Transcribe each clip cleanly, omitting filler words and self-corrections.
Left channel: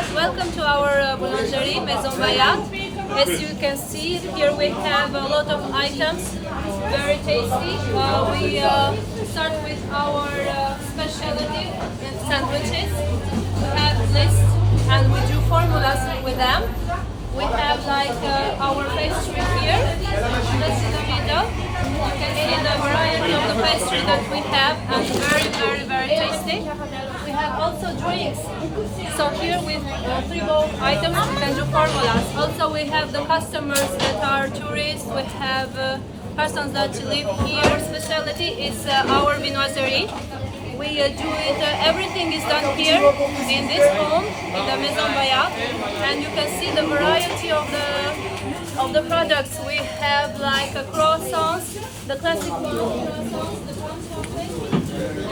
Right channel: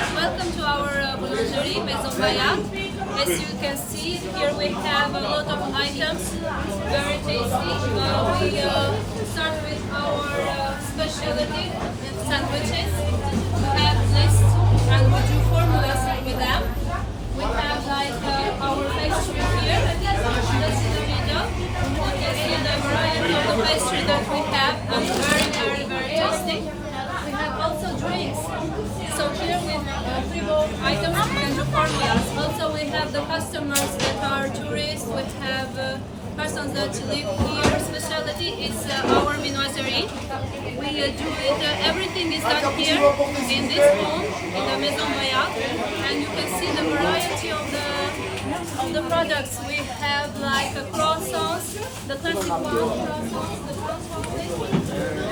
Welcome to our boulangerie Maison Bayat. As you can see, here we have a lot of items, very tasty. We start with our specialty sandwiches. We have lists and we do formulas with them. We have like our pastry here. That's in the middle. You can see the variety of the pastry that we have, and very tasty. We have also drinks. So here with 3 bowl items we can do formulas. Also we have the customers that are tourists. We have persons that live here. Specialty is our vinoiserie. We do it. Everything is done here in this home in the Maison Bayat, and you can see the variety of the products. We have like croissants, the classic ones, croissants, the brown chocolate,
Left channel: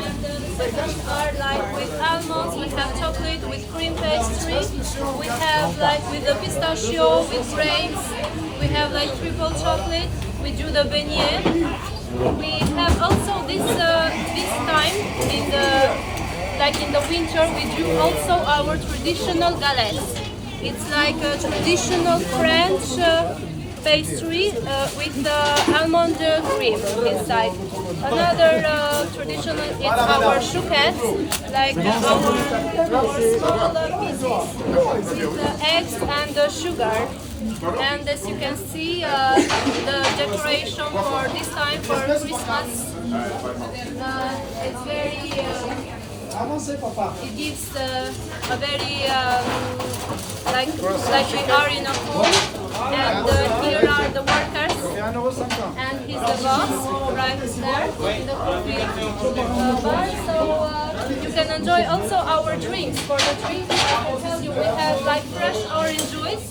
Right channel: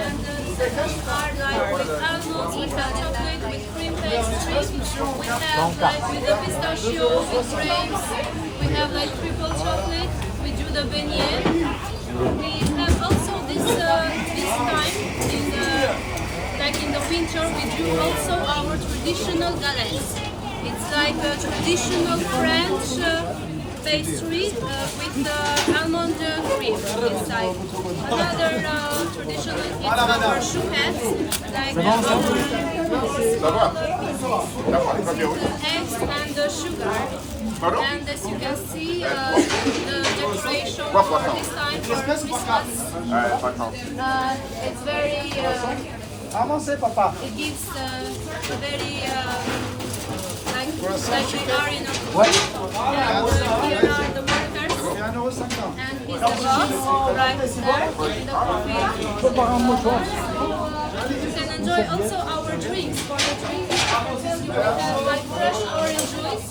and the second are like with almonds. We have chocolate with cream pastry. We have like with the pistachio with grapes. We have like triple chocolate. We do the beignet. We have also this time in the winter we do also our traditional galettes. It's like a traditional French pastry with almond cream inside. Another traditional is our chouquettes, like our with eggs and sugar. And as you can see, the decoration for this time for Christmas, it's very. It gives a very like we are in a home, and here are the workers, and he's the boss right there in the bar. So you can enjoy also our drinks. For the drinks, I can tell you we have like fresh orange juice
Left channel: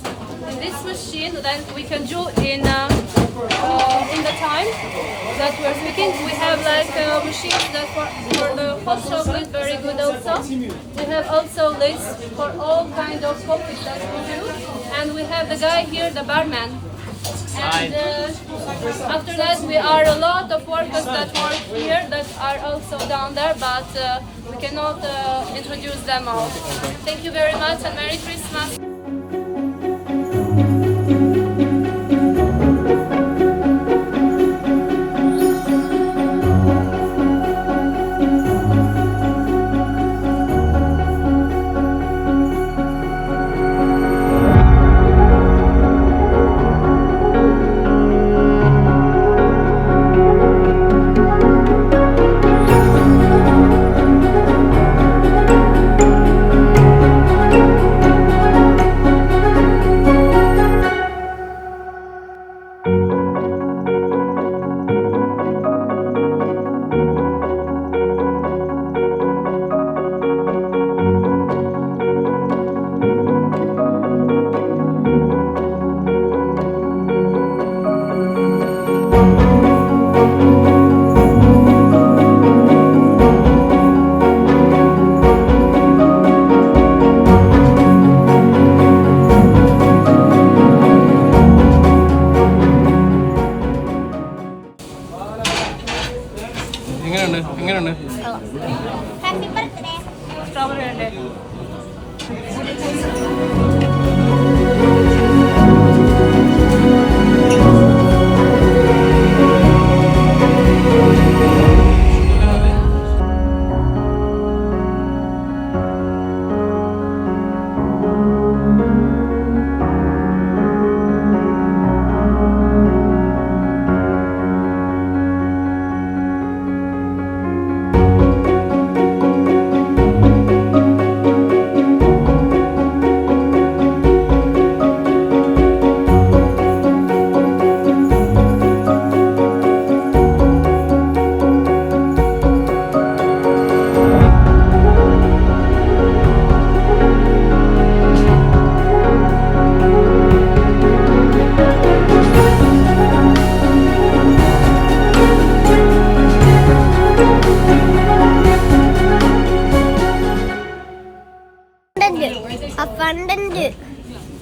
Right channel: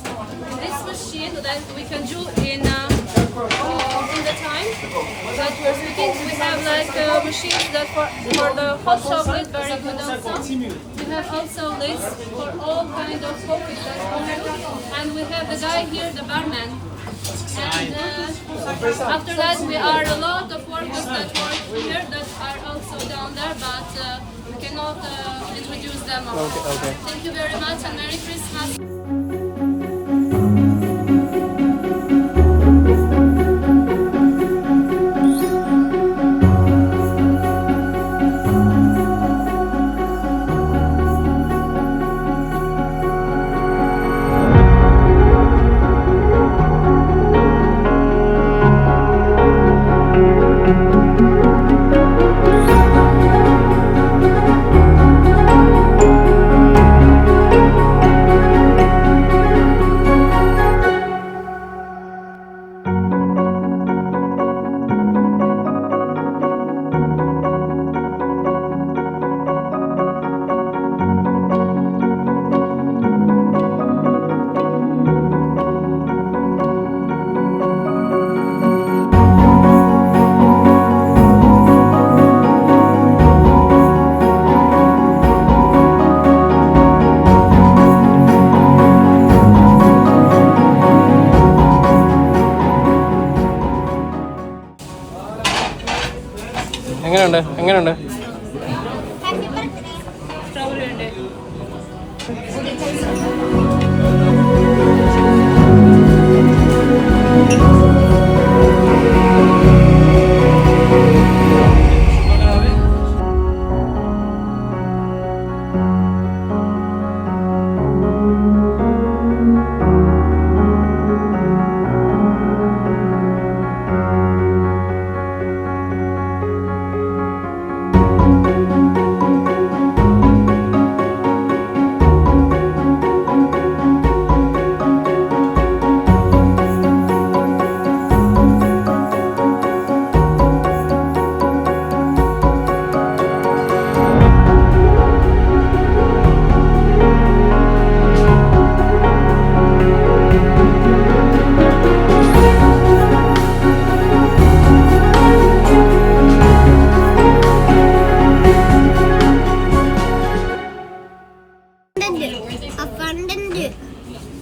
in this machine that we can do in the time that we're speaking. We have like machines that for the hot chocolate, very good also. We have also lists for all kinds of coffees that we do, and we have the guy here, the barman. And after that, we are a lot of workers that work here that are also down there, but we cannot introduce them all. Thank you very much and Merry Christmas. എങ്ങനെയുണ്ട് strawberry ഉണ്ട്.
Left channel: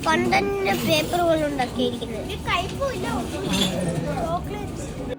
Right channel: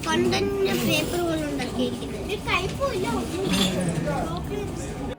ഫണ്ടന്റ് paper പോലെ ഉണ്ടാക്കിയിരിക്കുന്നത് ഒരു ടൈപ്പും ഇല്ല, ഒന്നുമില്ല. Chocolate